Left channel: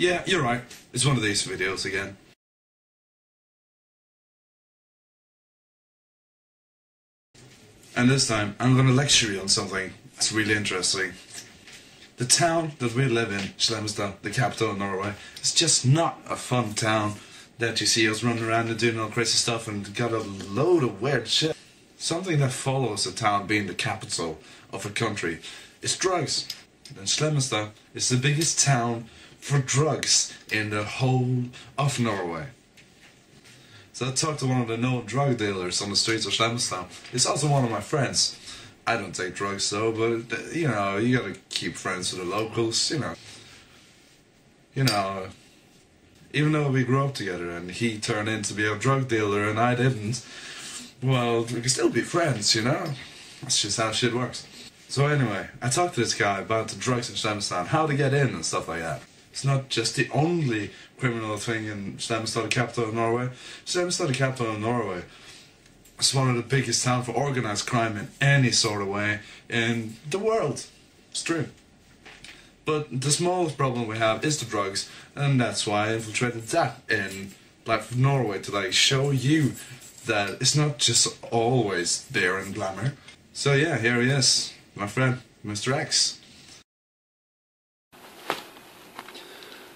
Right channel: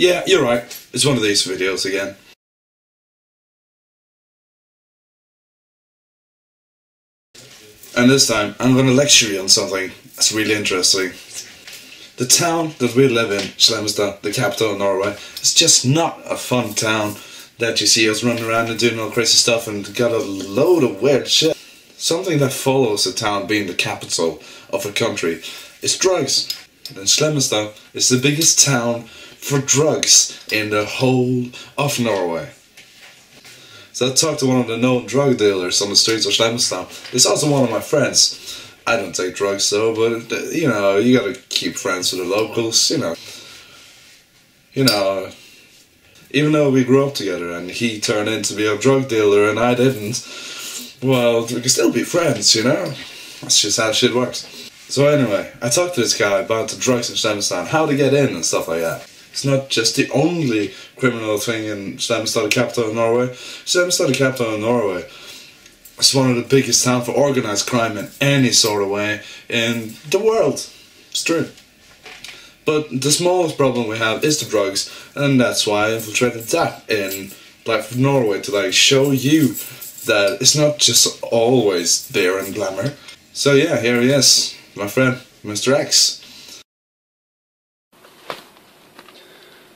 Yeah, you're right. It's one of these videos again. And this time, I'm going to lecture you on something that's really interesting. The town that we live in, Slemmestad, the capital of Norway, is just not a fun town that you see us running around and doing all crazy stuff and got a load of weird shit. Something that follows a town being the capital of a country is drugs. And Slemmestad is the biggest town for drugs in the whole of Norway. So I talked to one of the known drug dealers on the streets of Slemmestad. It's also one of my friends. I don't take drugs though, but you know, you gotta keep friends with the locals, you know. Even though we grew up together and he turned in to be a drug dealer and I didn't, well, we can still be friends, you know. That's just how shit works. So anyway, I talked to this guy about the drugs in Slemmestad, how to get in and stuff like that. It's not just the only criminal thing in Slemmestad, the capital of Norway. Slemmestad, the capital of Norway, is one of the biggest towns for organised crime in any sort of way in the world. It's true. But the smallest problem we have is the drugs, and that's why I infiltrated that in Life of Norway to like show you that it's not just always there and glamour. So yeah, here he is, my friend, Mr. X.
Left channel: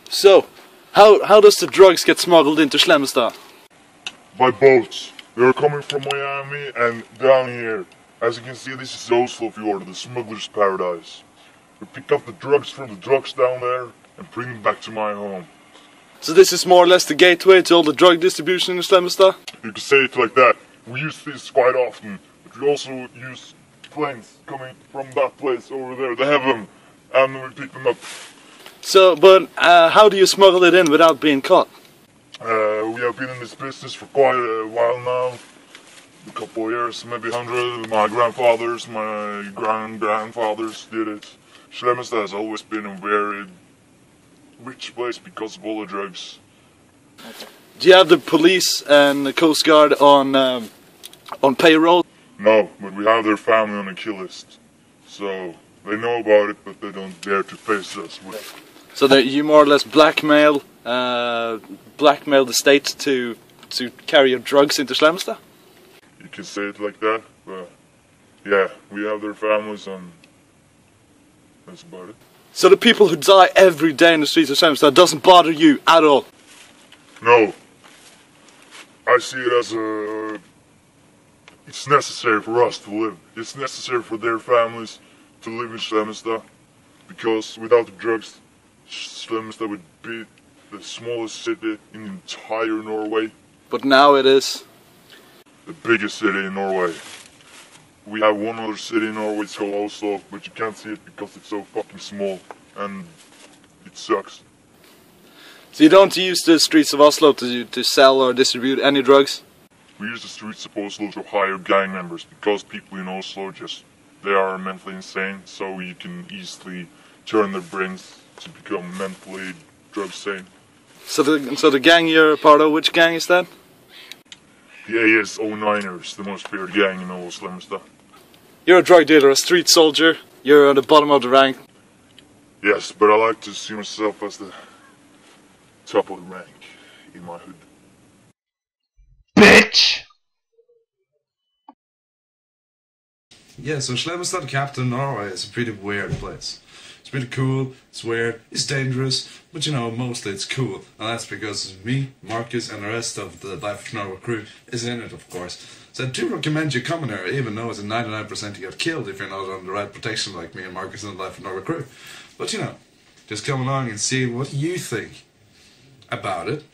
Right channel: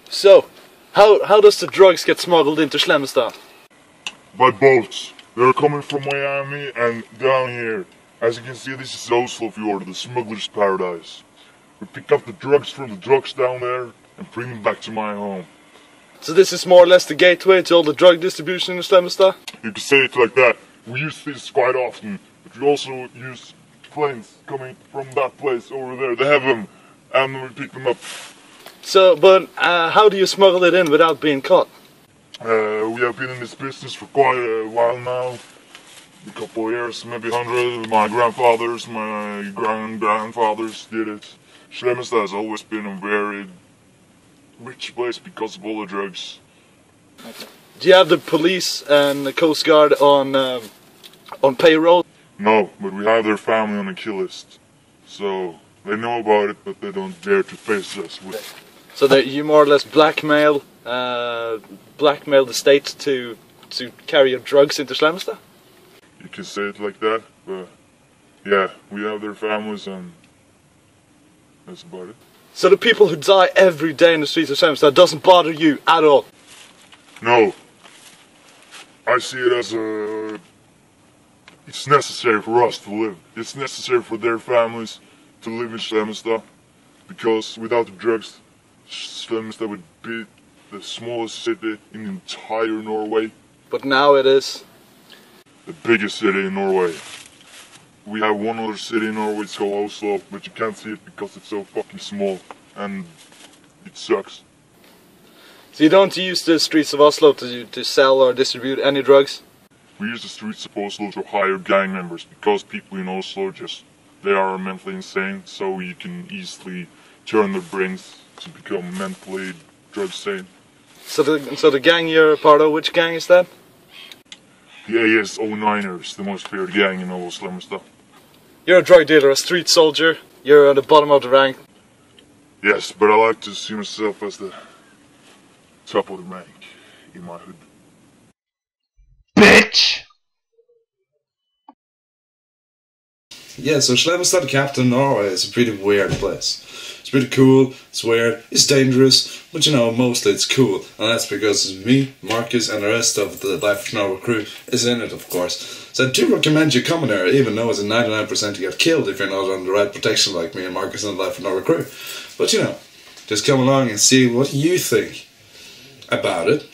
So, how does the drugs get smuggled into Slemmestad? By boats. They're coming from Miami and down here. As you can see, this is Oslo fjord, the smuggler's paradise. We pick up the drugs from the trucks down there and bring them back to my home. So this is more or less the gateway to all the drug distribution in Slemmestad? You can say it like that. We use this quite often, but we also use planes coming from that place over there. They have them, and we pick them up. So, but how do you smuggle it in without being caught? We have been in this business for quite a while now. A couple of years, maybe 100. My grandfathers, my grandfathers did it. Slemmestad has always been a very rich place because of all the drugs. Okay. Do you have the police and the Coast Guard on payroll? No, but we have their family on a kill list. So they know about it, but they don't dare to face us with it. So that you more or less blackmail the state to carry your drugs into Slemmestad? You can say it like that, but yeah, we have their families and that's about it. So the people who die every day in the streets of Slemmestad doesn't bother you at all? No. I see it as it's necessary for us to live. It's necessary for their families to live in Slemmestad, because without the drugs, Slemmestad would be the smallest city in the entire Norway. But now it is the biggest city in Norway. We have one other city in Norway, it's called Oslo, but you can't see it because it's so fucking small, and it sucks. So you don't use the streets of Oslo to sell or distribute any drugs? We use the streets of Oslo to hire gang members, because people in Oslo they are mentally insane, so you can easily turn their brains to become mentally drug sane. So the gang you're a part of, which gang is that? The AS09ers, the most feared gang in all of Slemmestad. You're a drug dealer, a street soldier, you're at the bottom of the rank. Yes, but I like to see myself as the top of the rank in my hood. Bitch! Yeah, so Slemmestad, the capital of Norway, is a pretty weird place. It's pretty cool, it's weird, it's dangerous, but you know, mostly it's cool. And that's because me, Marcus, and the rest of the Life of Norway crew is in it, of course. So I do recommend you coming there, even though it's a 99% you get killed if you're not on the right protection like me and Marcus and the Life of Norway crew. But you know, just come along and see what you think about it.